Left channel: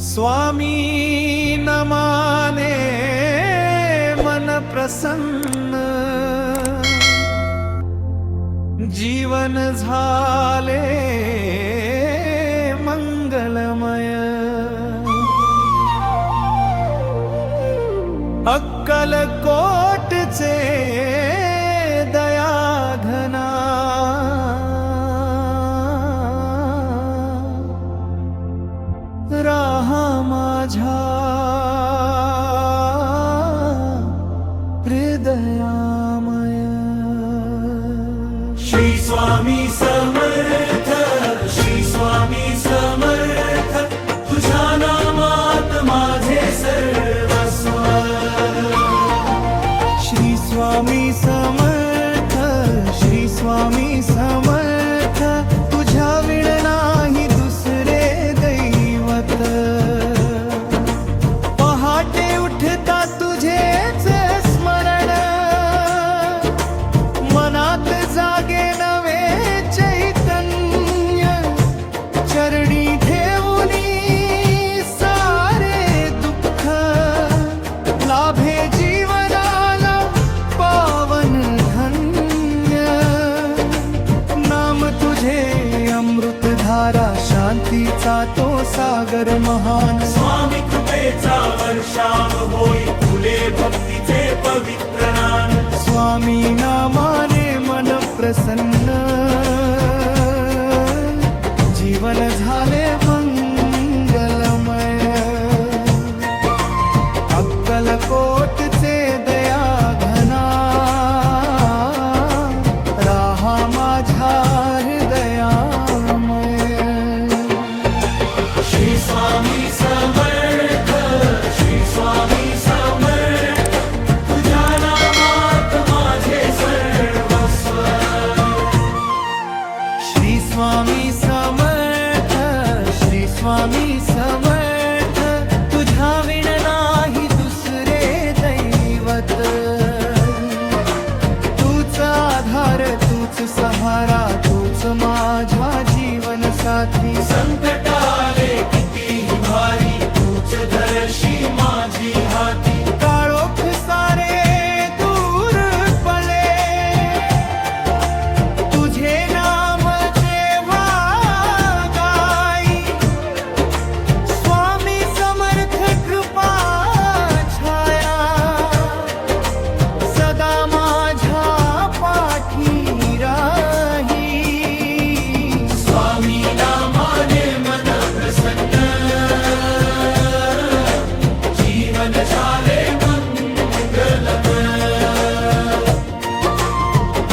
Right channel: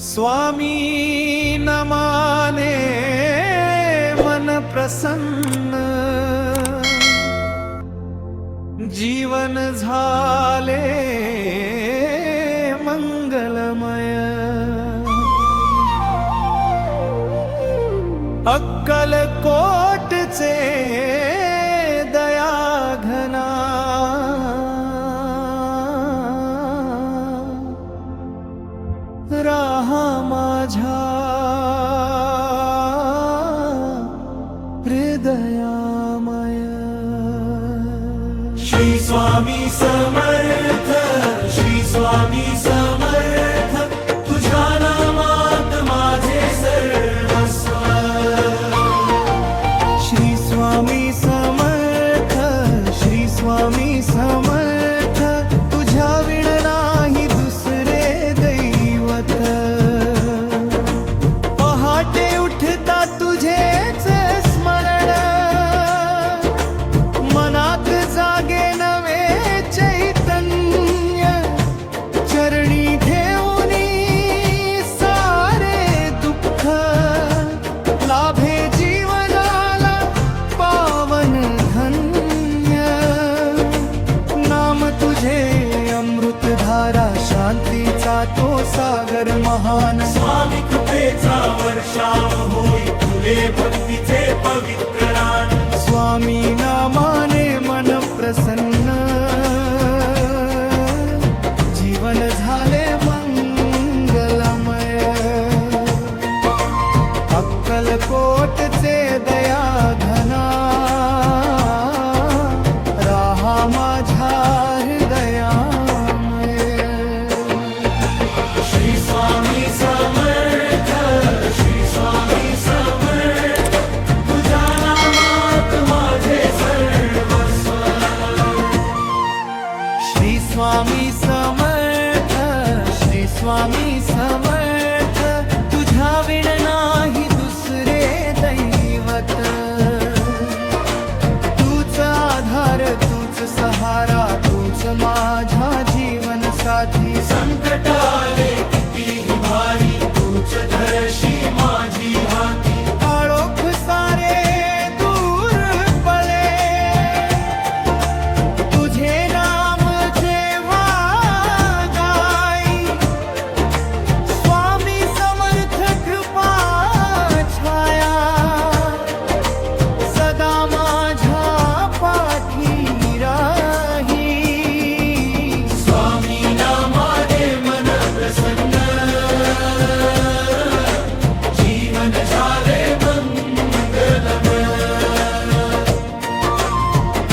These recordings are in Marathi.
स्वामी नमाने मन प्रसन्न, जीवन झाले मंगलमय। अक्कलकोटचे दयाघना, राहा माझ्या हृदयामय। श्री स्वामी समर्थ, श्री स्वामी समर्थ, तुझ्या नामात माझे सर्वस्व। श्री स्वामी समर्थ, श्री स्वामी समर्थ, तुझ्या विण नाही दुसरे दैवत। पहाटे उठता तुझेच स्मरण, मनात जागे नवे चैतन्य। चरणी ठेवूनी सारे दुःख, लाभे जीवनाला पावन धन्य। नाम तुझे अमृत धारा, शांतीचा तो सागर महान। स्वामी कृपेचा वर्षाव होई, फुले भक्तीचे पवित्र रान। स्वामी नामाने मन प्रसन्न, जीवन झाले मंगलमय। अक्कलकोटचे दयाघना, राहा माझ्या हृदयामय। श्री स्वामी समर्थ, श्री स्वामी समर्थ, तुझ्या नामात माझे सर्वस्व। श्री स्वामी समर्थ, श्री स्वामी समर्थ, तुझ्या विण नाही दुसरे दैवत। तूच आधार, तूच सहारा, तूच माझ्या जीवन साथी। संकट आले कितीही भारी, तूच धरशी माझी हाती। काळोख सारे दूर पळे, तुझे नाम जेव्हा गाई। स्वामी समर्थ कृपा छाया, सदा माझ्या पाठी राही। स्वामी नामाने मन प्रसन्न, जीवन झाले मंगलमय।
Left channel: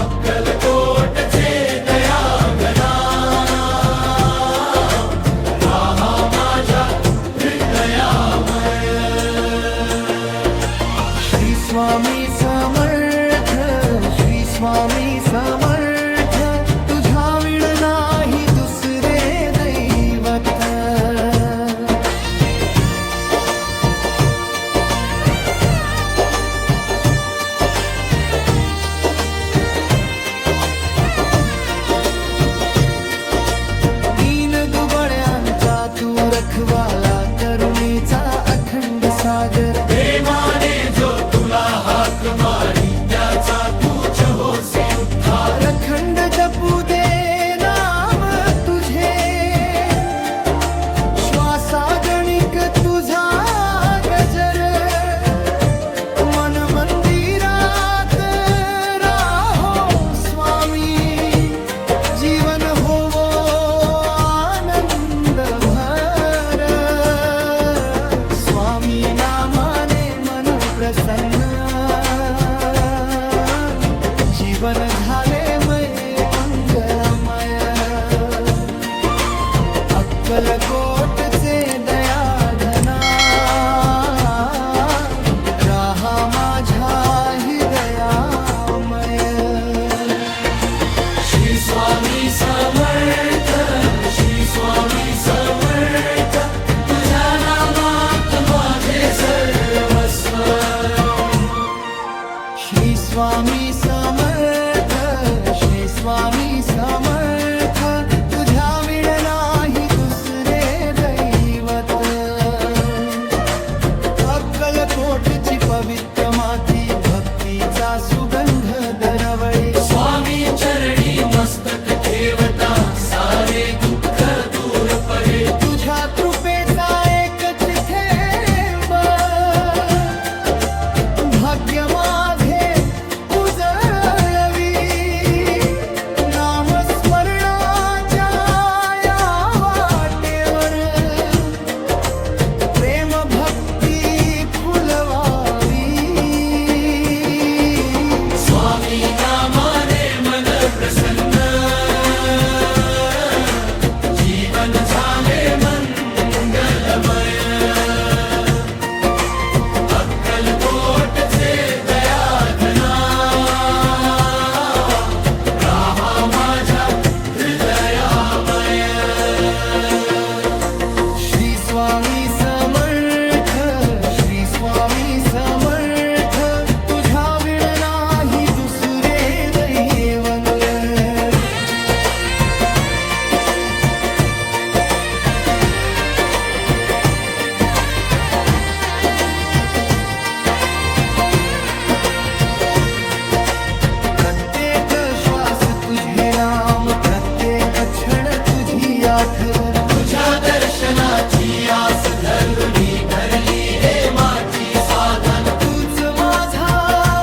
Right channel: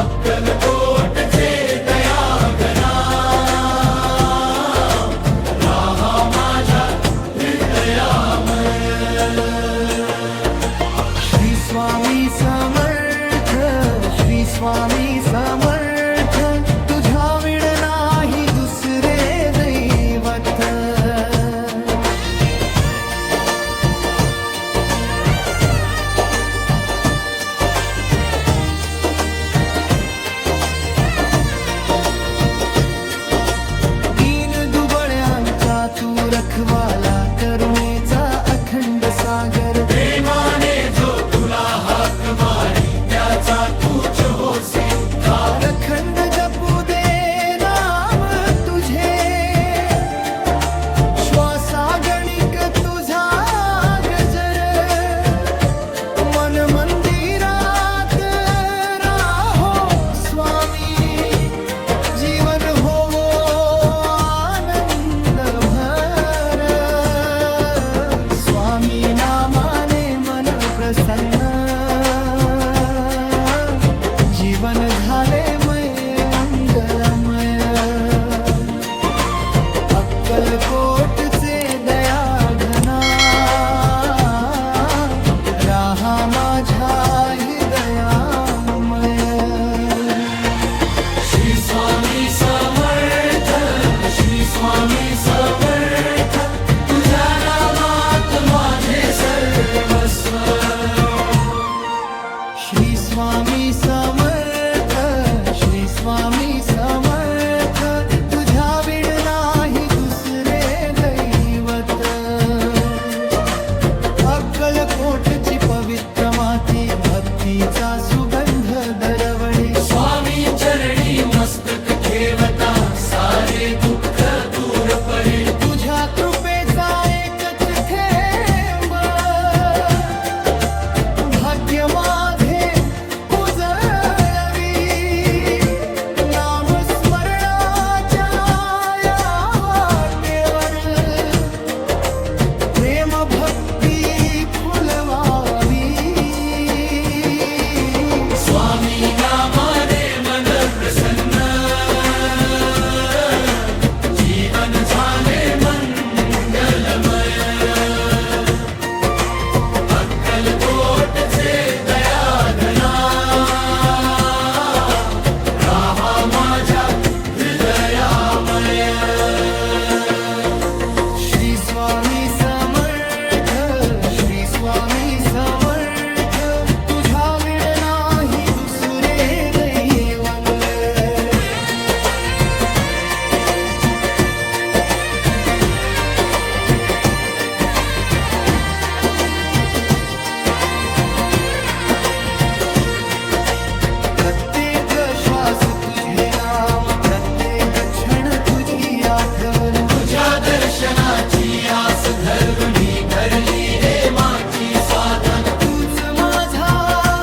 अक्कलकोटचे दयाघना, राहा माझ्या हृदयामय। श्री स्वामी समर्थ, श्री स्वामी समर्थ, तुझ्या विण नाही दुसरे दैवत। दीन दुबळ्यांचा तू रखवाला, करुणेचा अखंड सागर। प्रेमाने जो तुला हाक मारी, त्याचा तूच होसी उद्धार। अखंड जपू दे नाम तुझे, श्वासा गणिक तुझा गजर। मन मंदिरात राहो स्वामी, जीवन होवो आनंद भर। स्वामी नामाने मन प्रसन्न, जीवन झाले मंगलमय। अक्कलकोटचे दयाघना, राहा माझ्या हृदयामय। श्री स्वामी समर्थ, श्री स्वामी समर्थ, तुझ्या नामात माझे सर्वस्व। श्री स्वामी समर्थ, श्री स्वामी समर्थ, तुझ्या विण नाही दुसरे दैवत। अक्कलकोटची पवित्र माती भक्तीचा सुगंध दरवळी. स्वामी चरणी मस्तक ठेवता सारे दुःख दूर परे. तुझ्या कृपेचा एकच थेंब भाग्य माझे उजळवी. नामस्मरणाच्या या वाटेवर प्रेम भक्ती फुलवावी. स्वामी नामाने मन प्रसन्न जीवन झाले मंगलमय. अक्कलकोटचे दयाघना राहा माझ्या हृदयामय. श्री स्वामी समर्थ, श्री स्वामी समर्थ, तुझ्या विण नाही दुसरे दैवल. प्रत्येक श्वास तुझे नाम, प्रत्येक क्षण तुझी आठवण. तुझ्या दर्शनाची आस धरून ही भरली रे माझी साधन. तूच माझा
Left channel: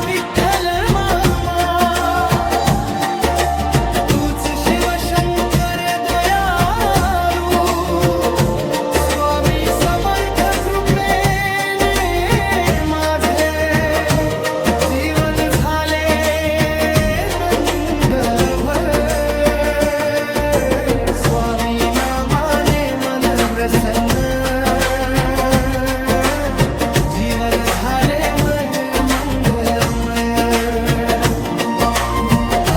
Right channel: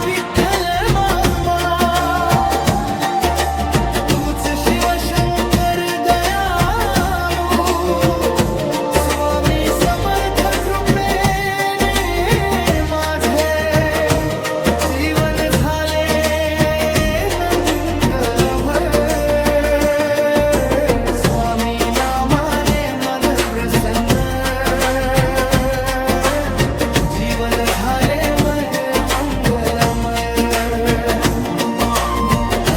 विठ्ठल मामा, तूच शिवशंकर दयालू. स्वामी समर्थ कृपेने माझे जीवन झाले मंगलमय. स्वामी नामाने मन प्रसन्न जीवन झाले मन मंगलमय.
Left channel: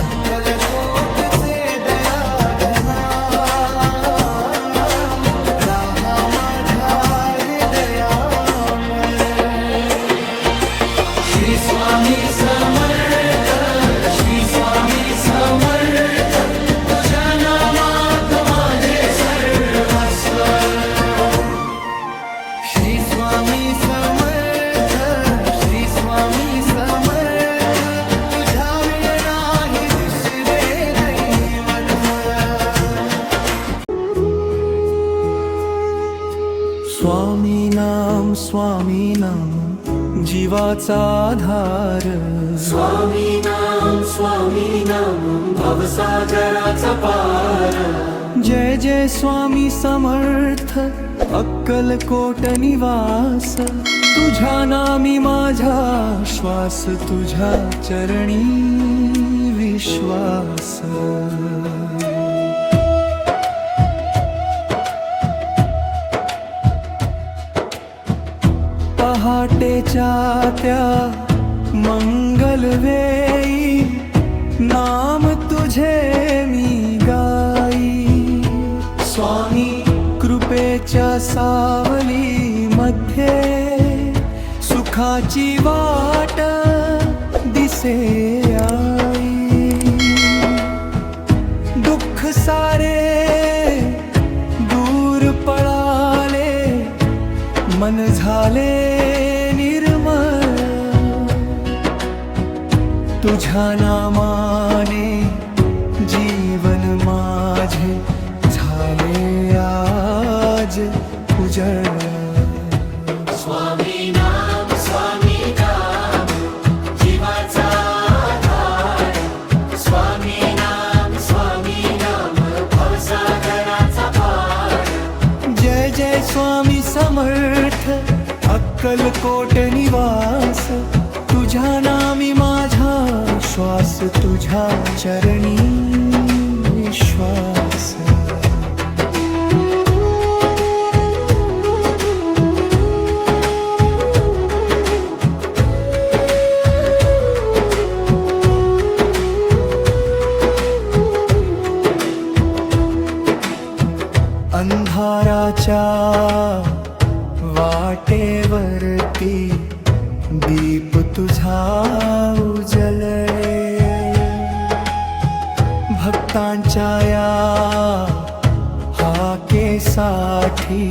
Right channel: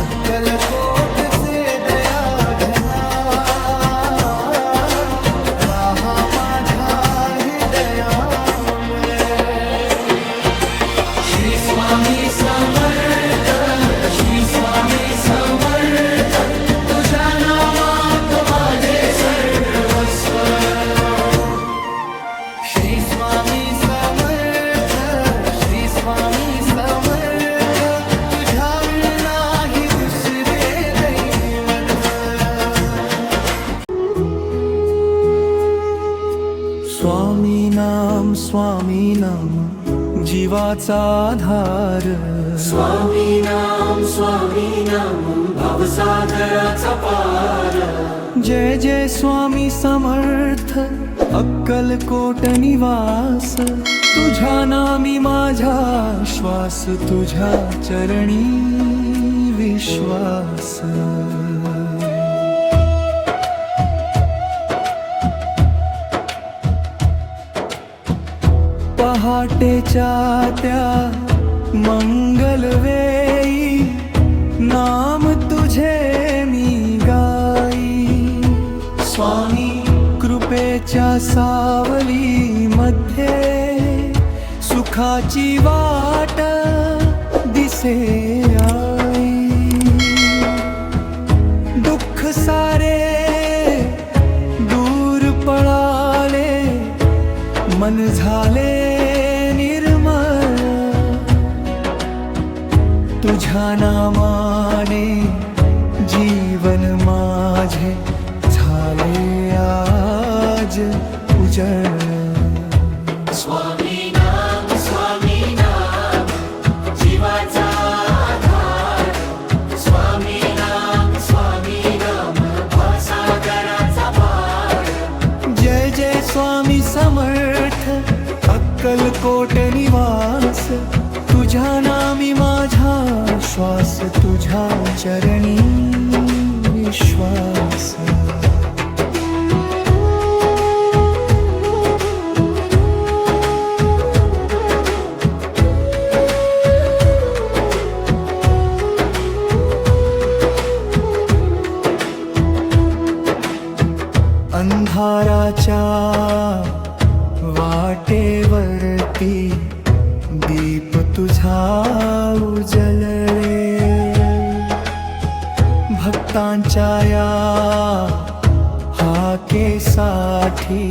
अक्कलकोटचे दयाघना राहा माझ्या हृदयामय. श्री स्वामी समर्थ, श्री स्वामी समर्थ, तुझ्या नामात माझे सर्वस्व. श्री स्वामी समर्थ, श्री स्वामी समर्थ, तुझ्या विण नाही दुसरे दैवत. स्वामी नाम जीवाचा आधार. स्वामी नाम भवसागराचा पार. जय जय स्वामी समर्थ, अक्कलकोट निवास. तुझ्या नामी माझा श्वास, तुझ्या चरणी विश्वास. पहाटेच्या त्या मंगलवेळी नाम तुझे मी गाई. स्वामी कृपेच्या सावली मध्ये सुखाची वाट दिसे आई. दुःख सारे दूर पळाले, मन झाले निर्मळ. तुझ्या नामाने जीवन माझे झाले आज उजळ. स्वामी नाम जीवाचा आधार. स्वामी नाम भवसागराचा पार. जय जय स्वामी समर्थ, अक्कलकोट निवास. तुझ्या नामी माझा श्वास, तुझ्या चरणी विश्वास. अंधाराच्या वाटेवरती दीप तुझा उजळले. भक्तांच्या या हाकेसाठी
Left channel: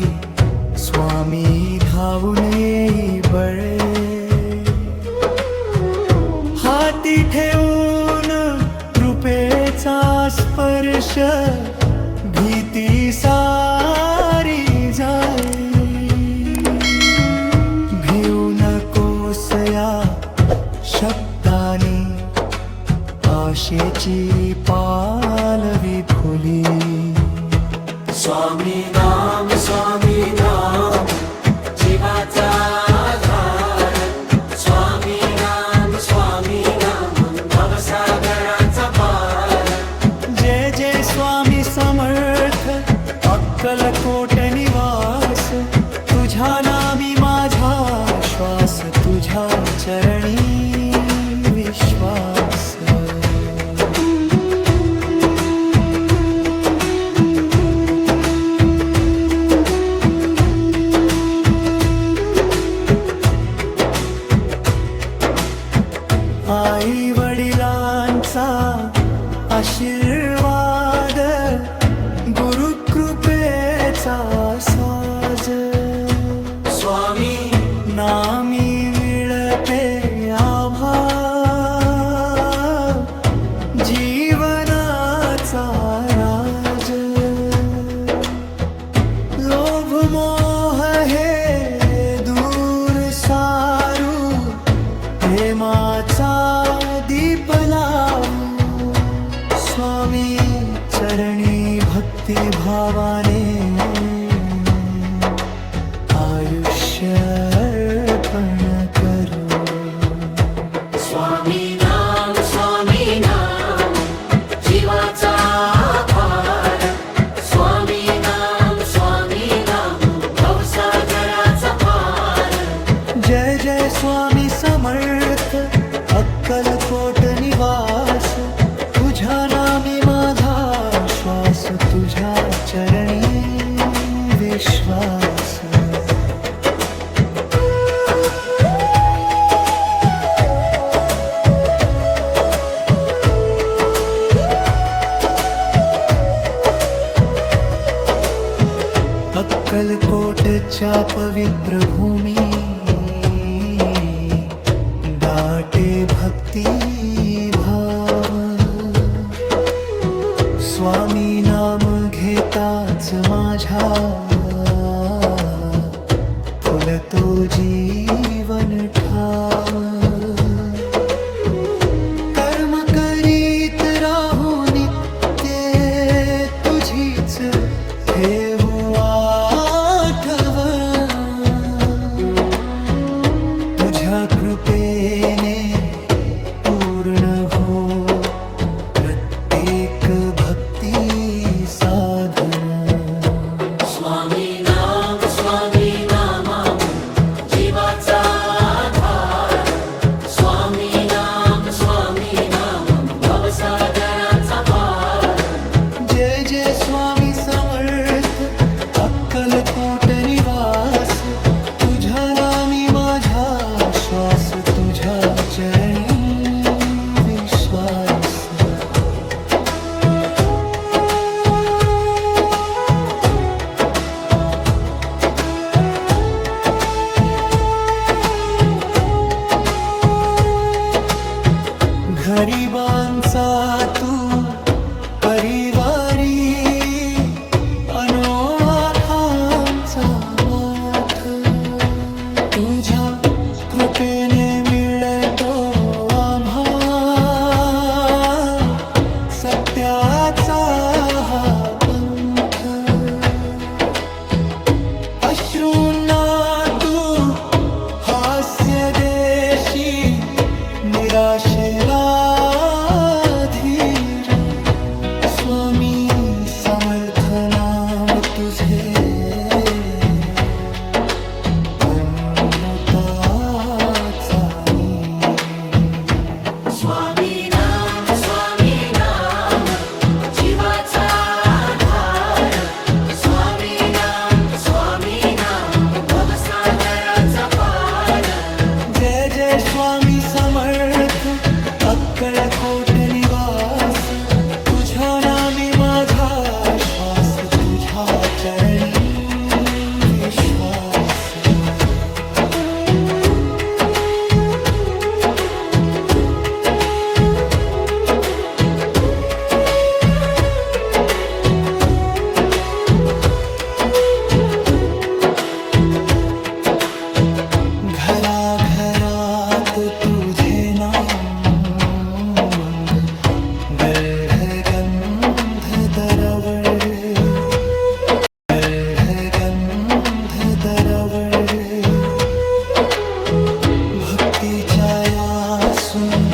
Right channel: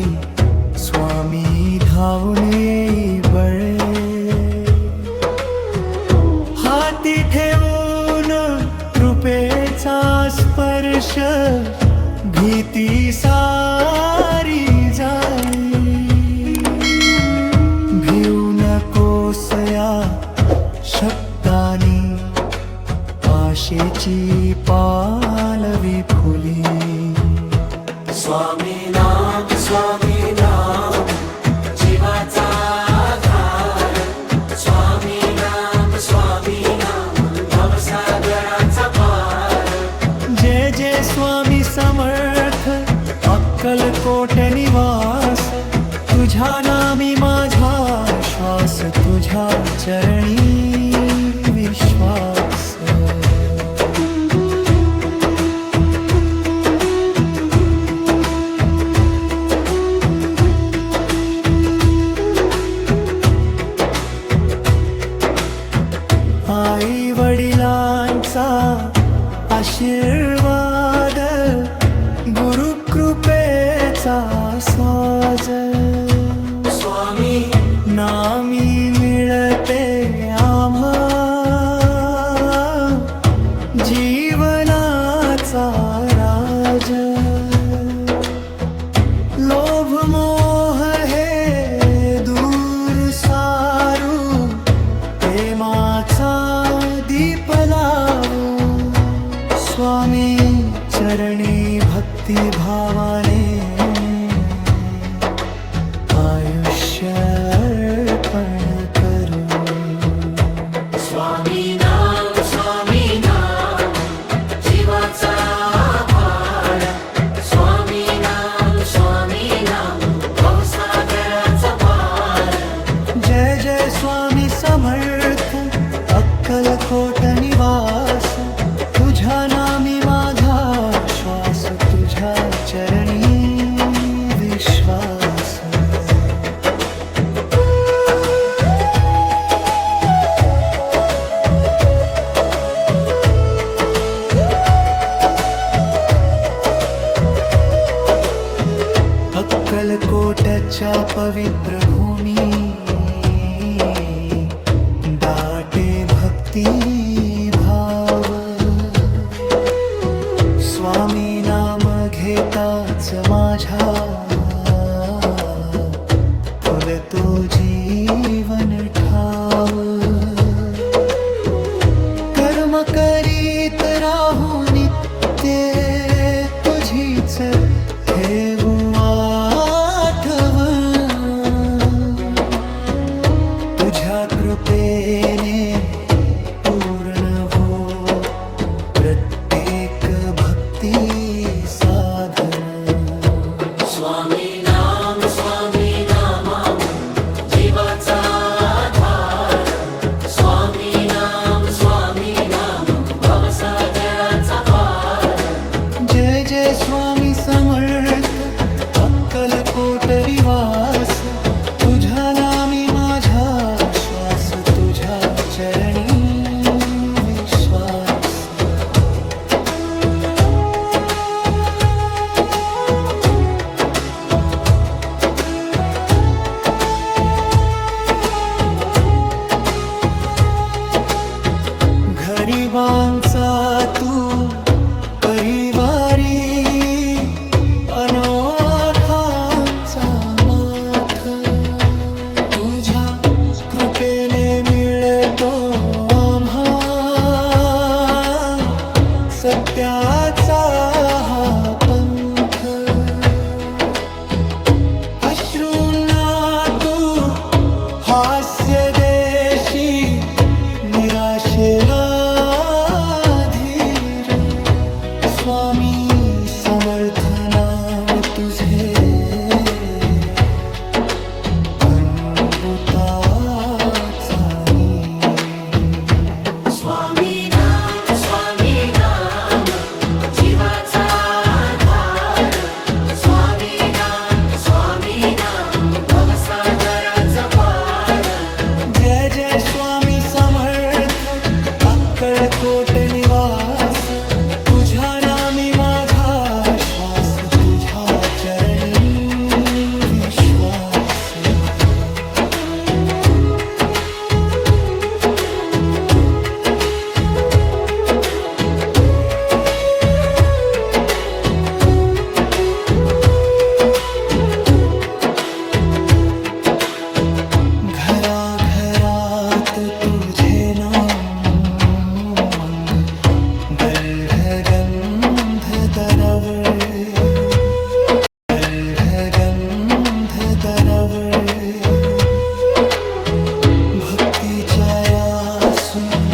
स्वामी धावून येई बळे, हाती ठेवून कृपेचा स्पर्श, भीती सारी जाई. भिऊ नकोस या शब्दानी, आशेची पालवी फुली. स्वामी नाम जीवाचा आधार. स्वामी नाम भवसागराचा पार. जय जय स्वामी समर्थ अक्कलकोट निवास. तुझ्या नामी माझा श्वास, तुझ्या चरणी विश्वास. आई वडिलांचा आशीर्वाद, गुरुकृपेचा साज. स्वामी नामी मिळते आम्हा जीवनाचा राज. लोभ मोह हे दूर सारू, प्रेमाचा दीप लावू. स्वामी चरणी भक्ती भावाने, आयुष्य अर्पण करू. स्वामी नाम जीवाचा आधार. स्वामी नाम भवसागराचा पार. जय जय स्वामी समर्थ अक्कलकोट निवास. तुझ्या नामी माझा श्वास, तुझ्या चरणी विश्वास. अक्कलकोटच्या पवित्र भूमी, दाटे भक्ती भाव. स्वामी नाम घेताच माझ्या, फुलतो जीवन ठाव. कर्म करीत राहू नित्य, तुझीच ठेवू आठवण. तुझ्या कृपेने पूर्ण हो प्रत्येक भक्ती साधन. स्वामी नाम जीवाचा आधार. स्वामी नाम भवसागराचा पार. जय जय स्वामी समर्थ अक्कलकोट निवास. तुझ्या नामी माझा श्वास, तुझ्या चरणी विश्वास. गरिबांचा तू परिवारी, अनोखांचा माथ. तुझ्या कृपेने मिळतो आम्हा सत्याचा हा पंथ. अश्रूंना तू हास्य देशी, निराशेला धीर. स्वामी समर्थ नाम तुझे, अमृताचा नीर. स्वामी नाम जीवाचा आधार. स्वामी नाम भवसागराचा पार. जय जय स्वामी समर्थ अक्कलकोट निवास. तुझ्या नामी माझा श्वास, तुझ्या चरणी विश्वास. घरात तुझे नाव मंग गंध दरवळे गंध दरवळे भक्तीच्या या सुंदर